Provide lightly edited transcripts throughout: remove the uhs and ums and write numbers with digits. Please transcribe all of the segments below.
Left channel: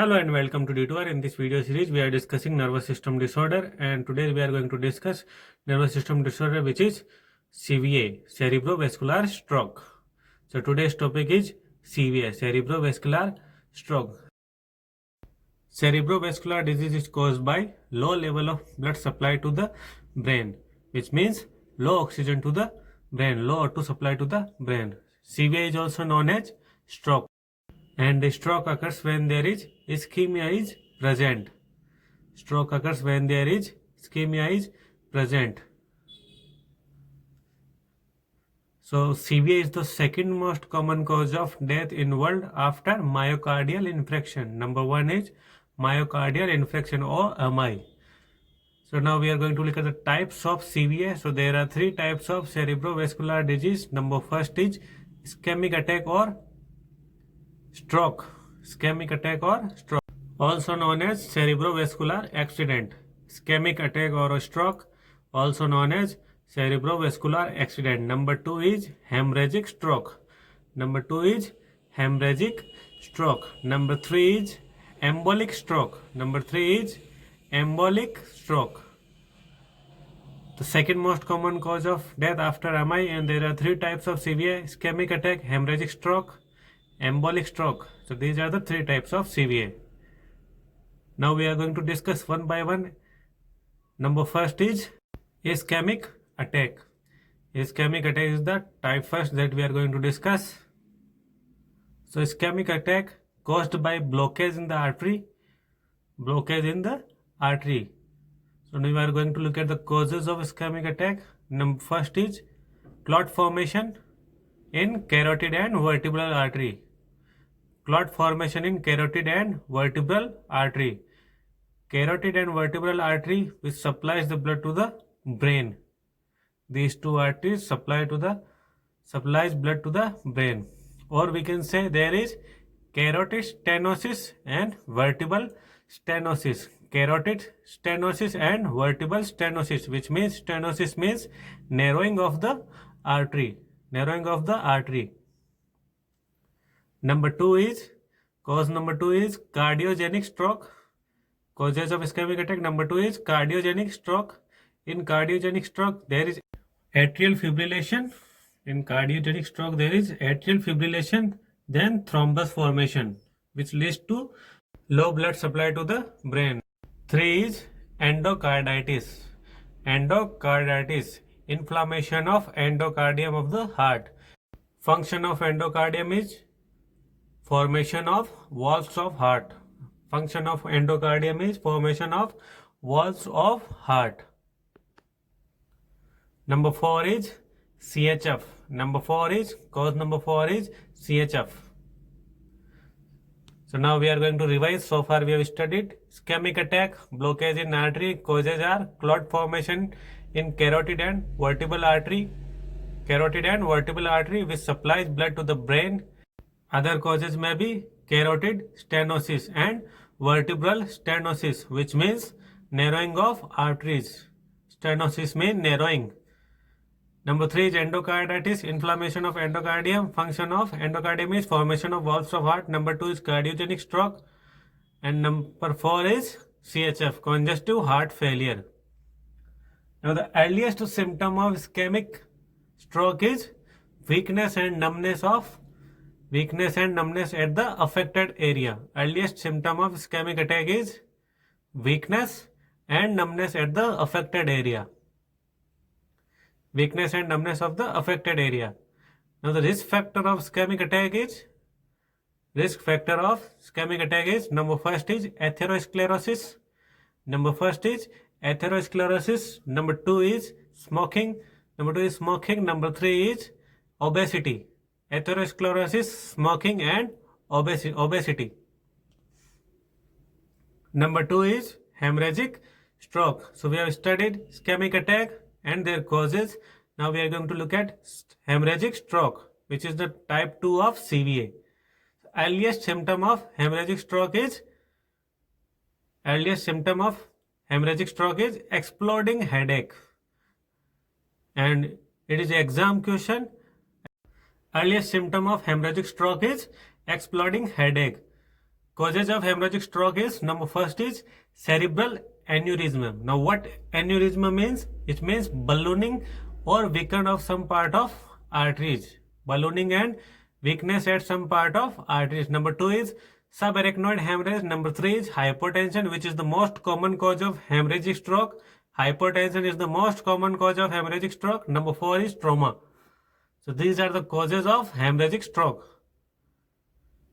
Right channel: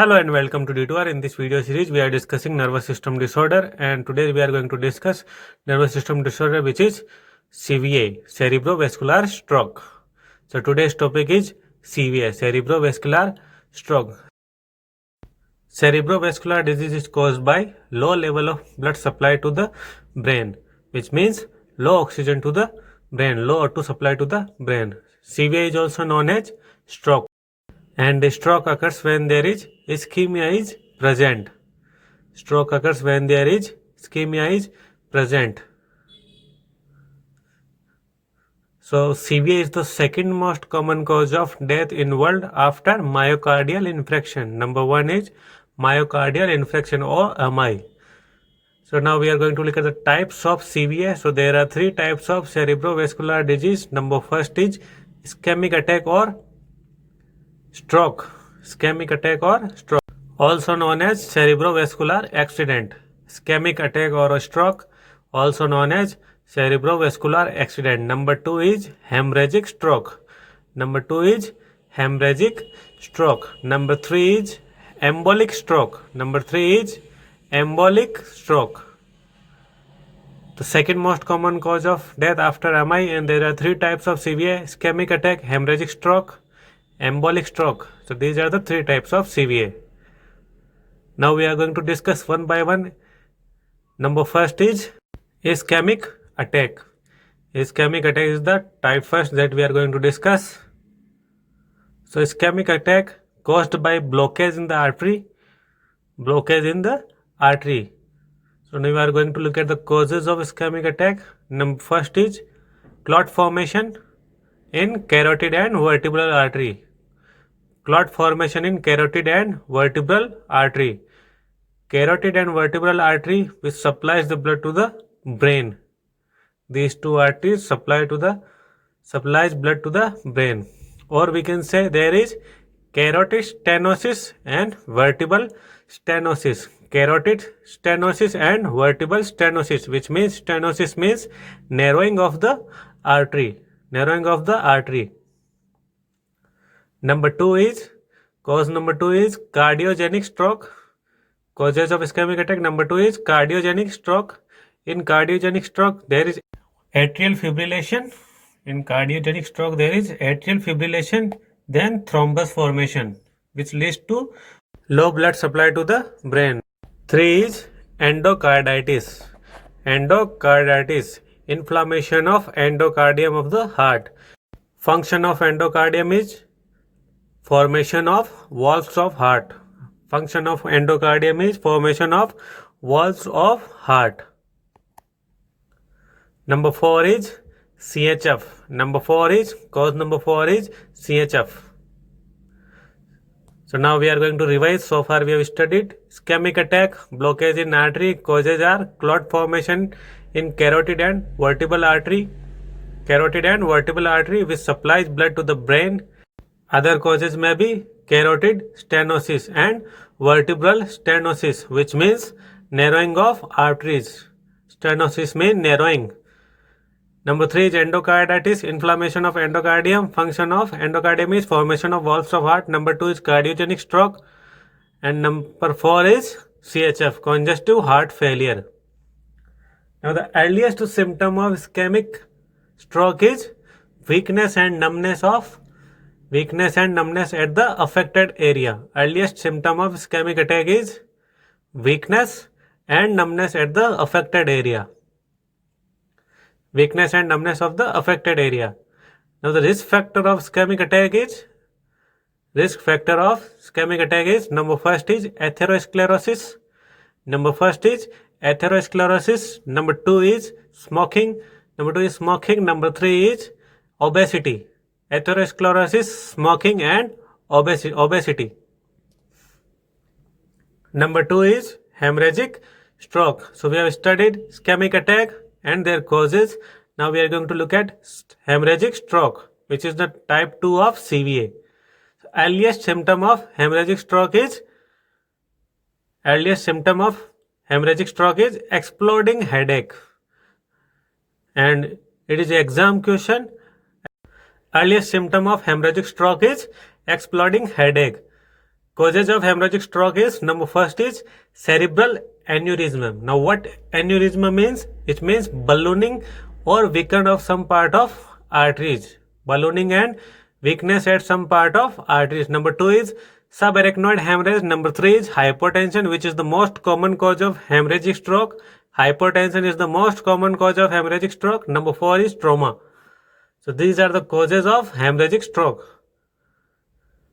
Hello and welcome to Detour. In this video series, we are discussing nervous system disorder, and today we are going to discuss nervous system disorder, which is CVA, cerebrovascular stroke. So today's topic is CVA, cerebrovascular stroke. Cerebrovascular disease is caused by low level of blood supply to the brain, which means low oxygen to the brain, low O2 supply to the brain. CVA is also known as stroke, and the stroke occurs when there is ischemia is present. Stroke occurs when there is ischemia is present. So CVA is the second most common cause of death in world after myocardial infarction. Number one is myocardial infarction or MI. So now we are going to look at the types of CVA. So there are three types of cerebrovascular disease. Number first is ischemic attack or stroke. Ischemic attack or stroke, also known as cerebrovascular accident. Ischemic attack or a stroke, also known as cerebrovascular accident. Number two is hemorrhagic stroke. Number two is hemorrhagic stroke. Number three is embolic stroke. Number three is embolic stroke. The second most common cause of death after MI, and there are three types of CVA: ischemic attack, hemorrhagic stroke, embolic stroke. So these are the three types of CVA. Now we are going to discuss one by one. Number first is ischemic attack. Ischemic attack is the type first that we are going to discuss. So ischemic attack caused by blockage in the artery. Blockage in the artery. So now we are going to look at the causes of ischemic attack. Number first is clot formation in carotid and vertebral artery. Clot formation in carotid and vertebral artery. Carotid and vertebral artery, which supplies the blood to the brain. These two arteries supplies blood to the brain. Or we can say there is carotid stenosis and vertebral stenosis. Carotid stenosis and vertebral stenosis, which means stenosis means narrowing of the artery. Narrowing of the artery. Number two is cardiogenic stroke. Causes of ischemic attack. Number two is cardiogenic stroke. In cardiogenic stroke, there is atrial fibrillation. In cardiogenic stroke, there is atrial fibrillation, then thrombus formation, which leads to low blood supply to the brain. Three is endocarditis. Endocarditis, inflammation of endocardium of the heart. Function of endocardium is formation of valves of heart. Function of endocardium is formation of valves of heart. Number four is CHF. Cause number four is CHF. So now we are going to revise. So far we have studied ischemic attack, blockage in artery. Causes are clot formation in carotid and vertebral artery. Carotid and vertebral artery, which supplies blood to the brain. Other causes may be carotid stenosis and vertebral stenosis, which means narrowing of arteries. Stenosis means narrowing. Number three is endocarditis, inflammation of endocardium. Function of endocardium is formation of valves of heart. Number two is cardiogenic stroke. And number four is CHF, congestive heart failure. Now the earliest symptom of ischemic stroke is weakness and numbness at the affected area. Earliest symptom of ischemic attack is weakness and numbness at the affected area. Weakness and numbness of the affected area. Now the risk factor of ischemic attack is number first is atherosclerosis. Number two is smoking. Number three is obesity. Atherosclerosis, smoking and obesity. Number two is hemorrhagic stroke. So we have studied ischemic attack and their causes. Now we are going to look at hemorrhagic stroke, which is the type 2 of CVA. Earliest symptom of hemorrhagic stroke is exploding headache, and it is exam question. Earliest symptom of hemorrhagic stroke is exploding headache. causes of hemorrhagic stroke is, number first is cerebral aneurysm. Now what aneurysm means? It means ballooning or weakening of some part of arteries. Ballooning and weakness at some part of arteries. Number 2 is subarachnoid hemorrhage. Number 3 is hypertension, which is the most common cause of hemorrhagic stroke. Hypertension is the most common cause of hemorrhagic stroke. Number 4 is trauma. So these are the causes of hemorrhagic stroke.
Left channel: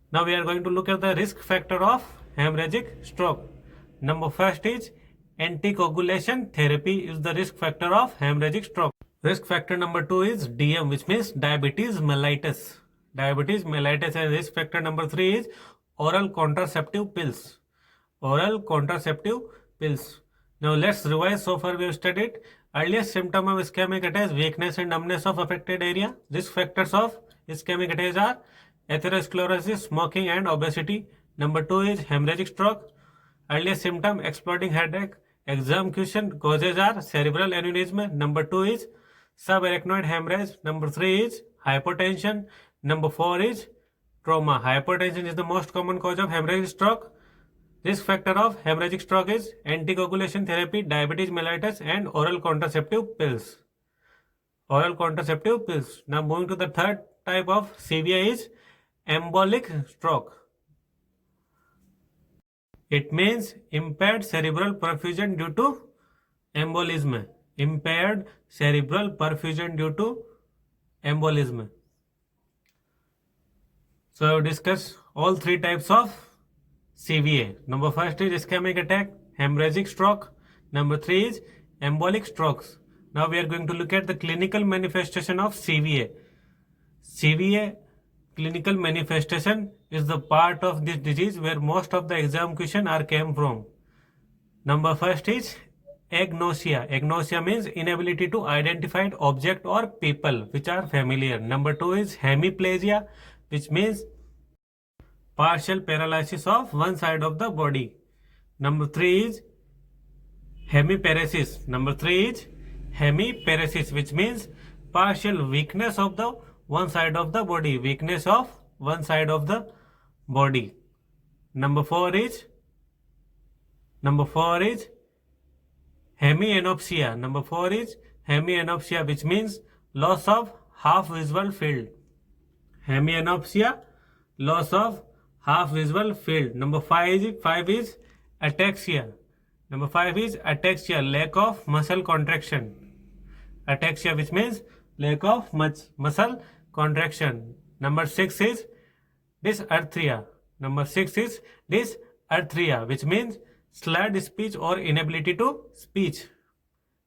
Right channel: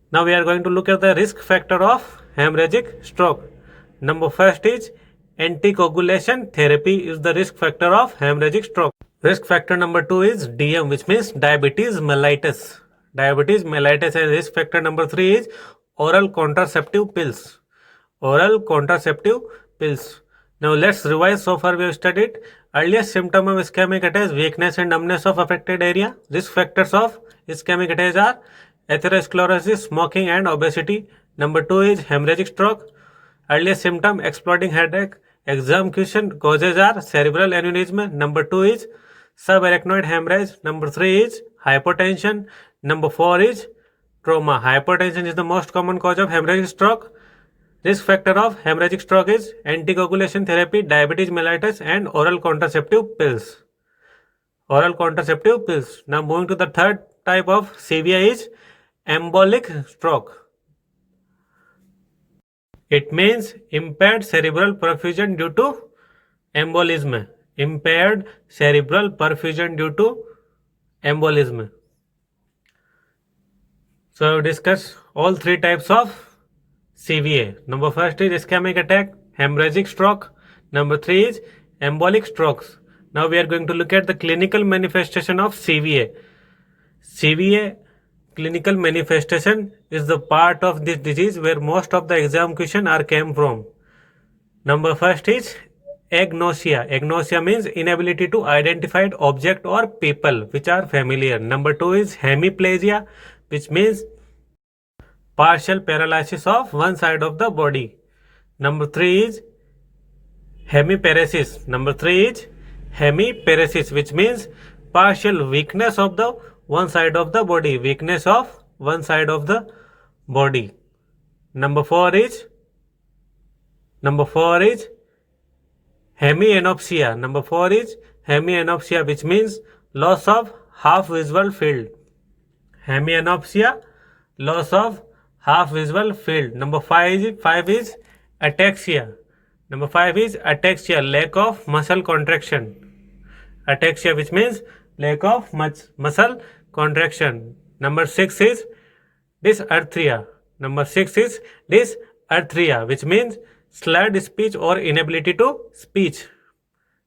Now we are going to look at the risk factor of hemorrhagic stroke. Number first is anticoagulation therapy is the risk factor of hemorrhagic stroke. Risk factor number 2 is DM, which means diabetes mellitus. Diabetes mellitus. And risk factor number 3 is oral contraceptive pills. Oral contraceptive pills. Now let's revise. So far we have studied earliest symptom of ischemic attack, weakness and numbness of affected area. Risk factors of ischemic attack are atherosclerosis, smoking and obesity. Number 2 is hemorrhagic stroke. Earliest symptom exploding headache. Exam question causes are cerebral aneurysm. Number 2 is subarachnoid hemorrhage. Number 3 is hypertension. Number 4 is trauma. Hypertension is the most common cause of hemorrhagic stroke. Risk factor of hemorrhagic stroke is anticoagulation therapy, diabetes mellitus and oral contraceptive pills. Oral contraceptive pills. Now moving to the third type of CVI is embolic stroke. It means impaired cerebral perfusion due to embolism. Impaired cerebral perfusion due to embolism. So discuss all three types of CVA. Number first is ischemic attack, hemorrhagic stroke. Number 3 is embolic strokes. Now we are going to look at the clinical manifestation of CVA. CVA clinical manifestation is the part of this disease where most of the exam question are came from. Number first is agnosia. Agnosia means inability to identify object or people which are familiar. Number 2 is hemiplegia, which means partial paralysis of one side of the body. Number 3 is hemiparesis. Number 3 is hemiparesis, which means partial weakness of the one side of the body. Weakness of one side of the body. Number 4 is hemianopsia. Number 4 is hemianopsia, which means loss of half visual field. Hemianopsia, loss of half visual field. Number 5 is ataxia. Number 5 is ataxia, lack of muscle contraction. Ataxia, which means lack of muscle contraction. Number 6 is dysarthria. Number 6 is dysarthria, which means slurred speech or inability to speech.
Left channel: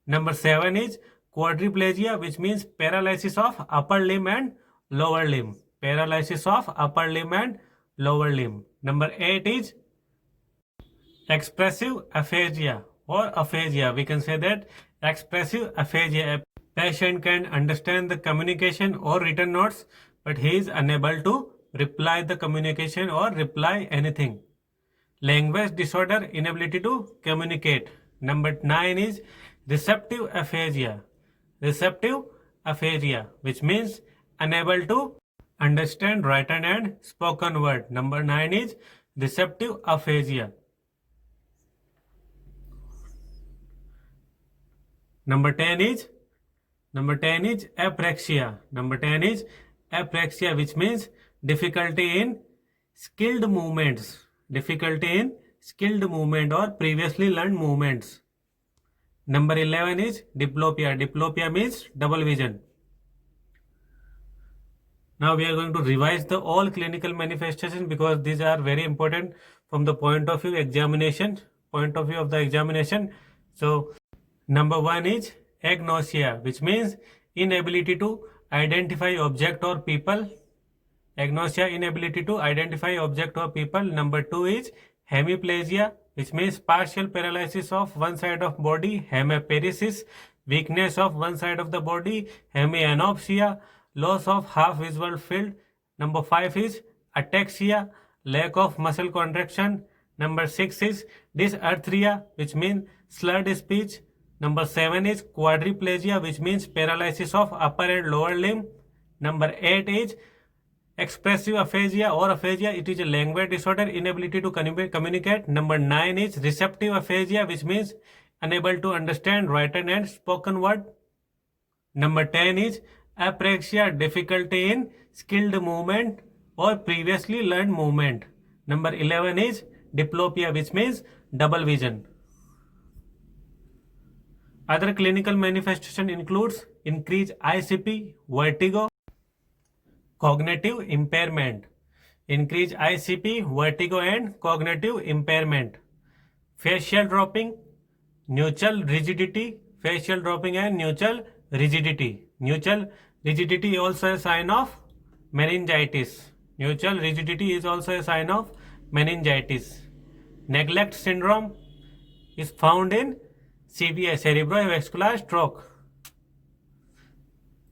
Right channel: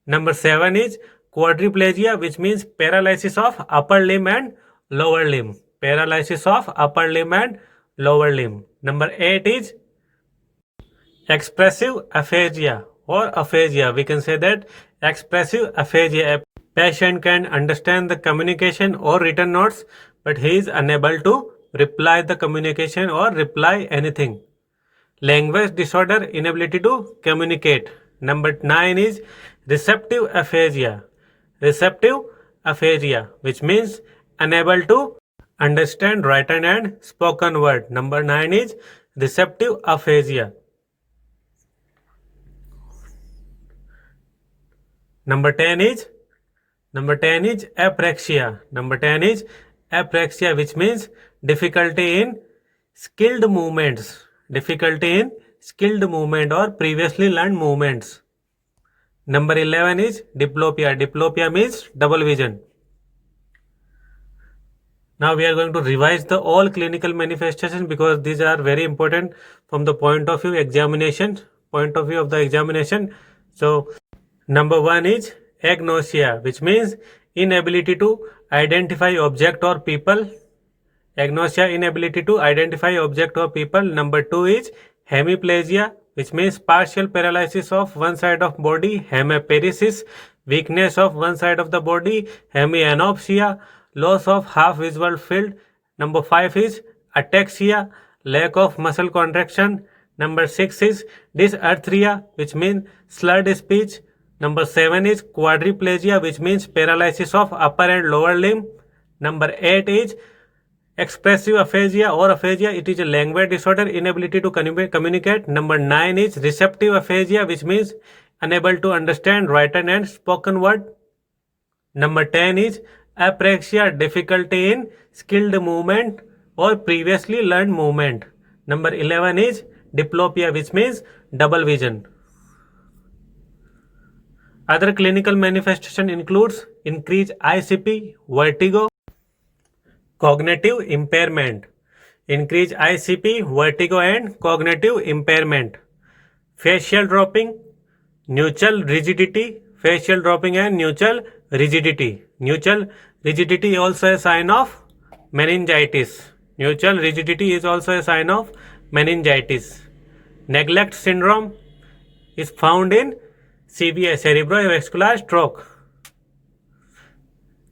Number 7 is quadriplegia, which means paralysis of upper limb and lower limb. Paralysis of upper limb and lower limb. Number 8 is expressive aphasia or aphasia. We can say that expressive aphasia. A patient can understand the communication or written notes, but he is unable to reply the communication or reply anything. Language disorder, inability to communicate. Number 9 is receptive aphasia. Receptive aphasia, which means unable to understand written and spoken word. Number 9 is receptive aphasia. Number 10 is apraxia. Number 10 is apraxia, which means difficulty in skilled movements. Difficulty in skilled movement or previously learned movements. Number 11 is diplopia. Diplopia means double vision. Now we are going to revise the all clinical manifestations because these are very important from the point of view of the examination. So number 1 is agnosia, which means inability to identify object or people. Agnosia, inability to identify object or people. Number 2 is hemiplegia, which means partial paralysis of one side of body. Hemiparesis, weakness of one side of the body. Hemianopsia, loss of half visual field. Number 5 is ataxia, lack of muscle contraction. Number 6 is dysarthria, which means slurred speech. Number 7 is quadriplegia, which means paralysis of upper and lower limb. Number 8 is Expressive aphasia or aphasia, it is a language disorder, inability to communicate. Number 9 is receptive aphasia, which means unable to understand written and spoken word. Number 10 is apraxia, difficulty in skilled movement or previously learned movement. Number 11 is diplopia, which means double vision. Other clinical manifestation includes increased ICP, vertigo, cognitive impairment. Increased ICP, vertigo and cognitive impairment. Facial dropping, nuchal rigidity, facial dropping and nuchal rigidity. Nuchal rigidity is also a sign of meningitis. Nuchal rigidity is also a sign of meningitis. Neglect syndrome is found in CVA, cerebrovascular stroke.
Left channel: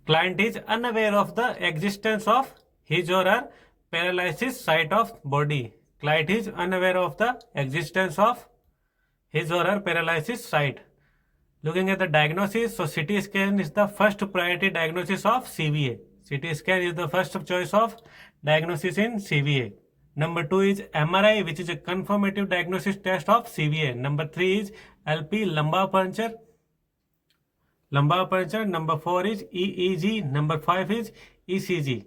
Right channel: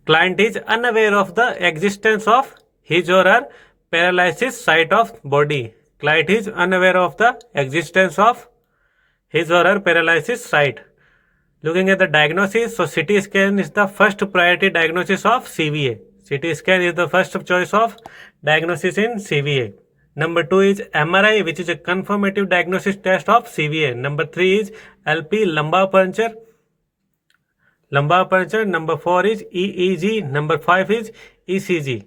Client is unaware of the existence of his or her paralysis site of body. Client is unaware of the existence of his or her paralysis site. Looking at the diagnosis, so CT scan is the first priority diagnosis of CVA. CT scan is the first choice of diagnosis in CVA. Number 2 is MRI, which is a confirmative diagnosis test of CVA. Number 3 is LP, lumbar puncture. Number 4 is EEG. Number 5 is ECG.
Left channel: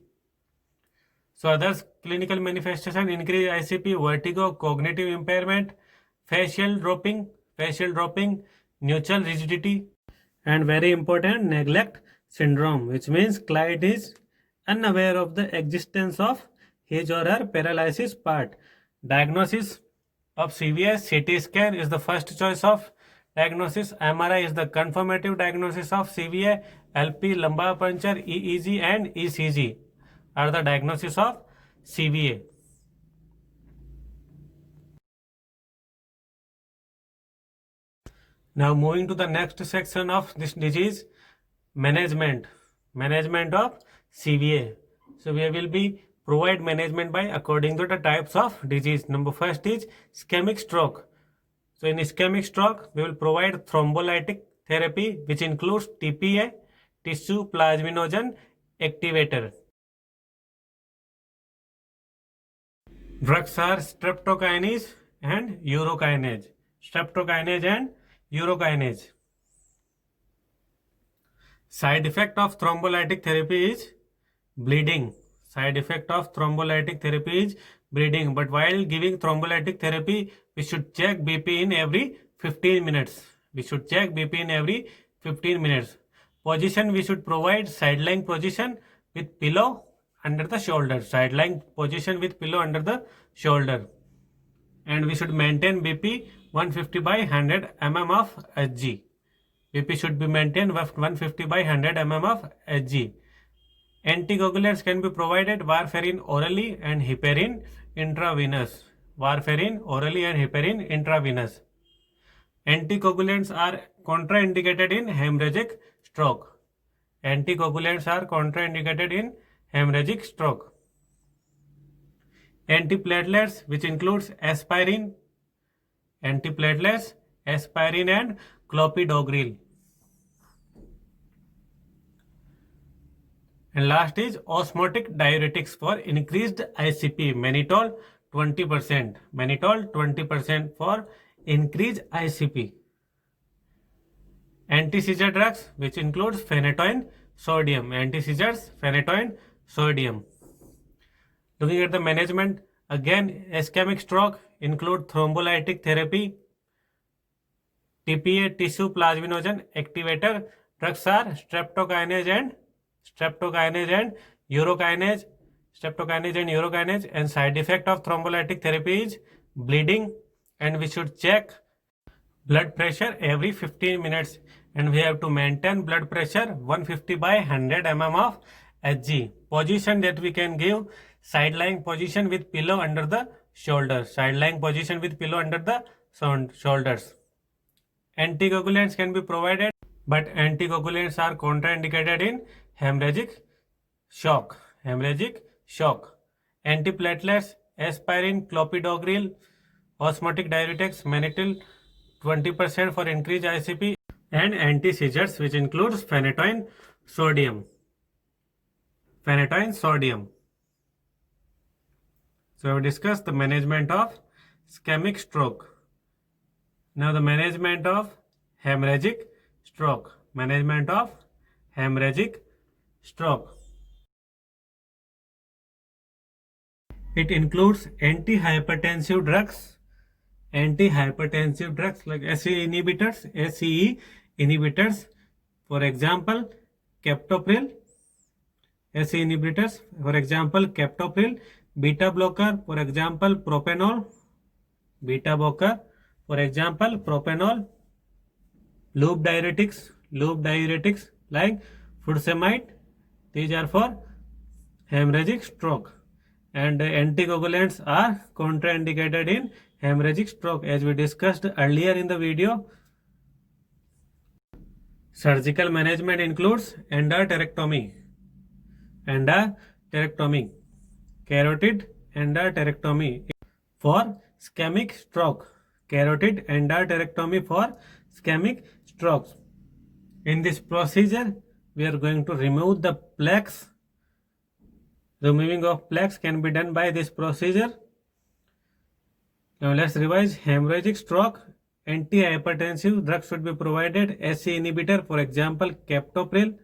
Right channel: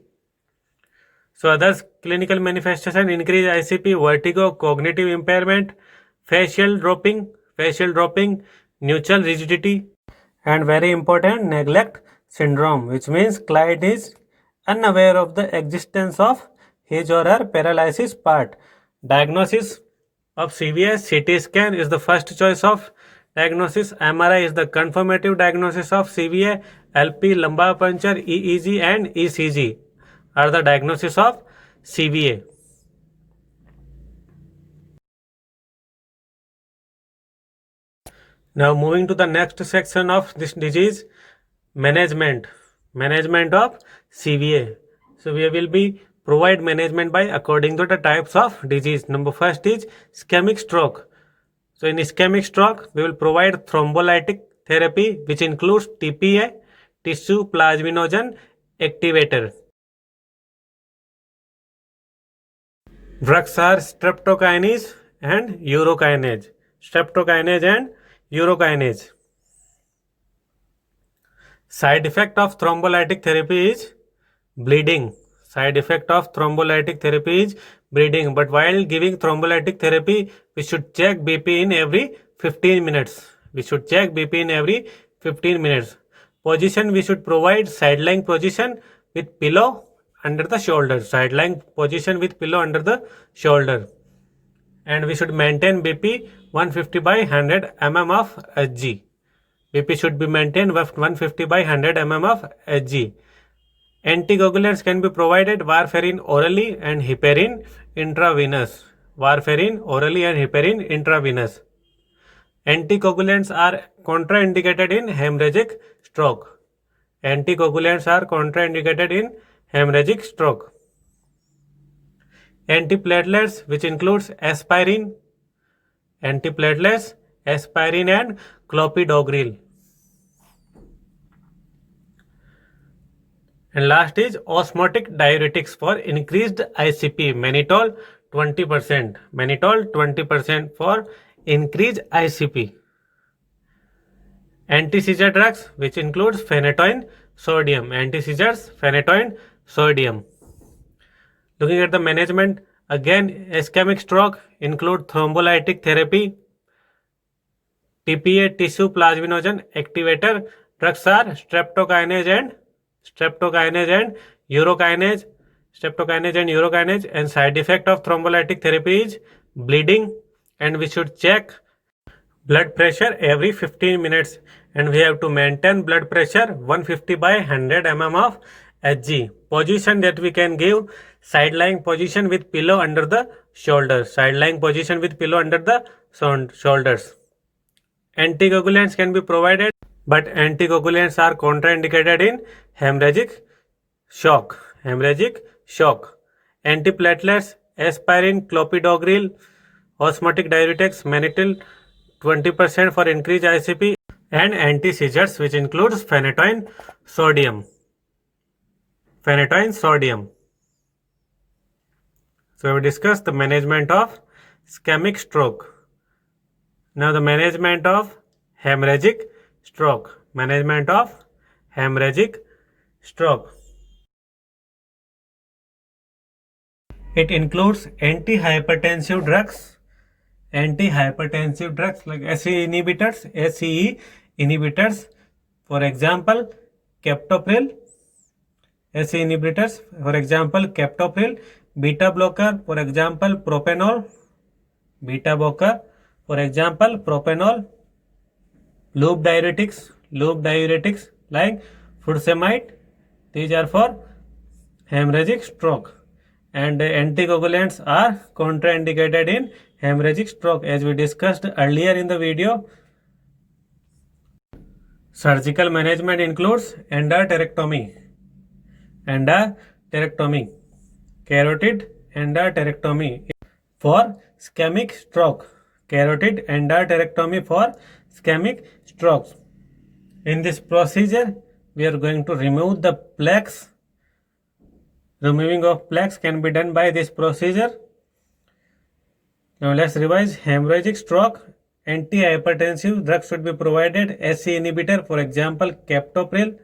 So others clinical manifestation: increased ICP, vertigo, cognitive impairment, facial dropping, nuchal rigidity, and very important, neglect syndrome, which means client is unaware of the existence of his or her paralysis part. Diagnosis of CVS, CT scan is the first choice of diagnosis. MRI is the confirmative diagnosis of CVA. LP, lumbar puncture, EEG and ECG are the diagnosis of CVA. Now moving to the next section of this disease, management of CVA. So we will be provide management by according to the types of disease. Number first is ischemic stroke. So in ischemic stroke, we will provide thrombolytic therapy, which includes TPA, tissue plasminogen activator. Drugs are streptokinase and urokinase. Side effect of thrombolytic therapy is bleeding. But while giving thrombolytic therapy, we should check BP in every 15 minutes. Position, we should provide side-lying position with pillow under the shoulder. And we should maintain BP 150 by 100 mm of Hg. BP should be maintained 150 by 100 mm of Hg. Anticoagulants can be provided warfarin orally and heparin intravenous. Anticoagulants are contraindicated in hemorrhagic stroke. Antiplatelets, which includes aspirin and clopidogrel. And last is osmotic diuretics for increased ICP, mannitol 20% for increased ICP. Anti-seizure drugs, which includes phenytoin sodium. Looking at the management, again, ischemic stroke include thrombolytic therapy, TPA, tissue plasminogen activator. Drugs are streptokinase and urokinase. And side effect of thrombolytic therapy is bleeding, and we should check blood pressure every 15 minutes, and we have to maintain blood pressure 150 by 100 mm of Hg. Position that we can give, side-lying position with pillow under the shoulders. Anticoagulants can be provided, but anticoagulants are contraindicated in hemorrhagic shock. Antiplatelets, aspirin, clopidogrel, osmotic diuretics, mannitol 20% for increased ICP, and anti-seizures, which includes phenytoin sodium. So we discussed the management of ischemic stroke. Now the management of hemorrhagic stroke. Management of hemorrhagic stroke. It includes antihypertensive drugs like ACE inhibitors, for example, captopril, ACE inhibitors, for example, captopril, beta blocker, for example, propanol, beta blocker, for example, propanol, loop diuretics like furosemide. These are for hemorrhagic stroke. And anticoagulants are contraindicated in hemorrhagic stroke, as we discussed earlier in the video. Surgical management includes endarterectomy, carotid endarterectomy for ischemic stroke, carotid endarterectomy for ischemic strokes. In this procedure, we are going to remove the plaques. Removing of plaques can be done by this procedure. Now let's revise. Hemorrhagic stroke, antihypertensive drugs should be provided. ACE inhibitor, for example, captopril,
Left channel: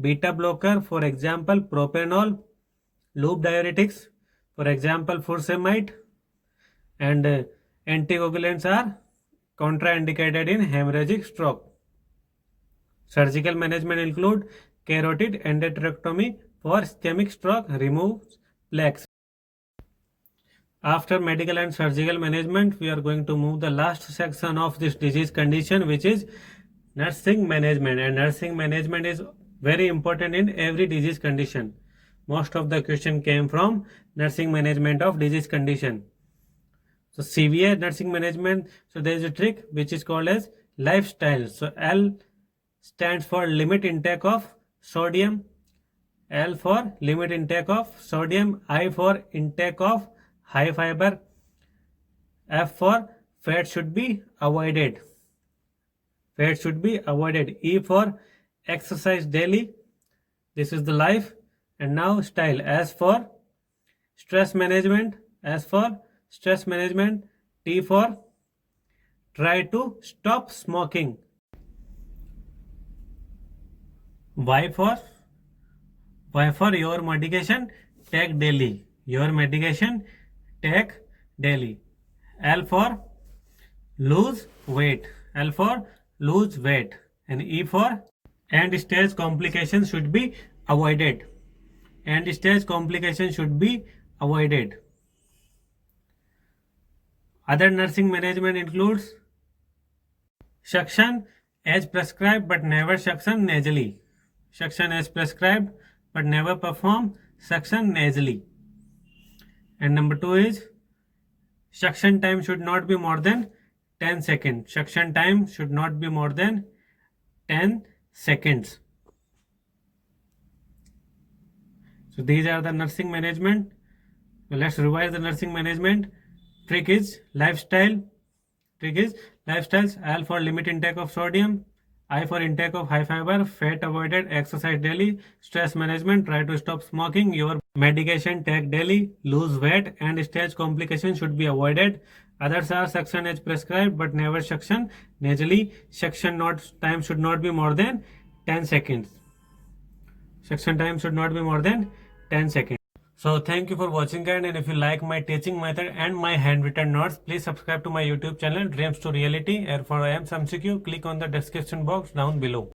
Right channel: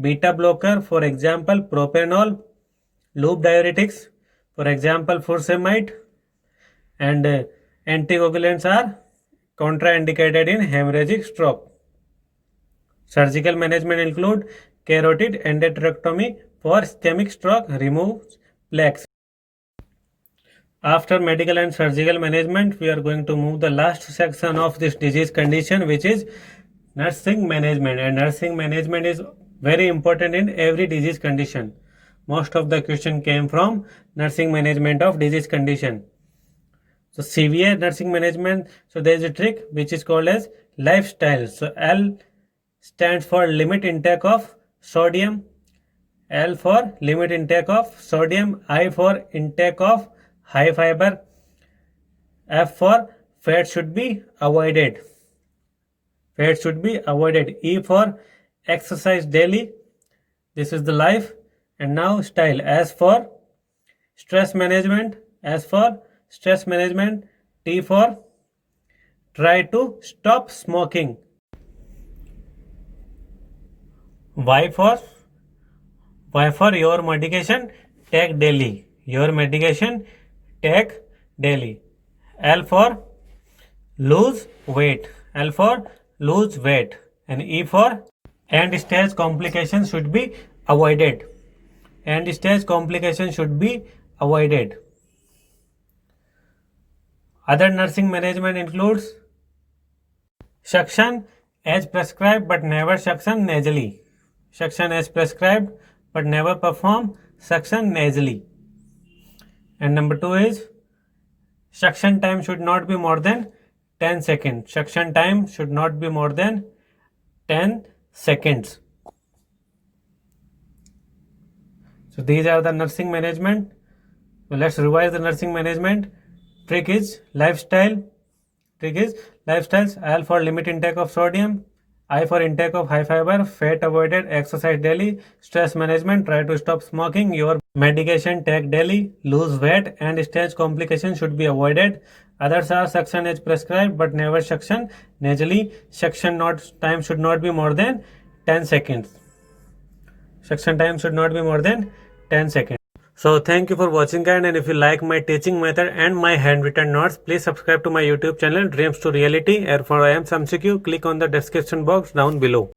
beta blocker, for example, propanol, loop diuretics, for example, furosemide, and anticoagulants are contraindicated in hemorrhagic stroke. Surgical management include carotid endarterectomy for ischemic stroke, removes plaques. After medical and surgical management, we are going to move the last section of this disease condition, which is nursing management. And nursing management is very important in every disease condition. Most of the question came from nursing management of disease condition. So severe nursing management, so there is a trick which is called as lifestyle. So L stands for limit intake of sodium, L for limit intake of sodium, I for intake of high fiber, F for fat should be avoided, E for exercise daily, this is the life. And now style, S for stress management, T for try to stop smoking, Y for your medication take daily, L for lose weight, and E for end stage complications should be avoided, Other nursing management includes suction as prescribed but never suction nasally, suction nasally. And number 2 is suction time should not be more than 10 seconds. So these are the nursing management. So let's revise the nursing management. Trick is lifestyles. L for limit intake of sodium, I for intake of high fiber, fat avoided, exercise daily, stress management, try to stop smoking, your medication take daily, lose weight, and stage complications should be avoided. Others are suction as prescribed but never suction nasally. Suction time should not be more than 10 seconds. So thank you for watching, guys, and if you like my teaching method and my handwritten notes, please subscribe to my YouTube channel Dreams to Reality. And for IIMS MCQ, click on the description box down below.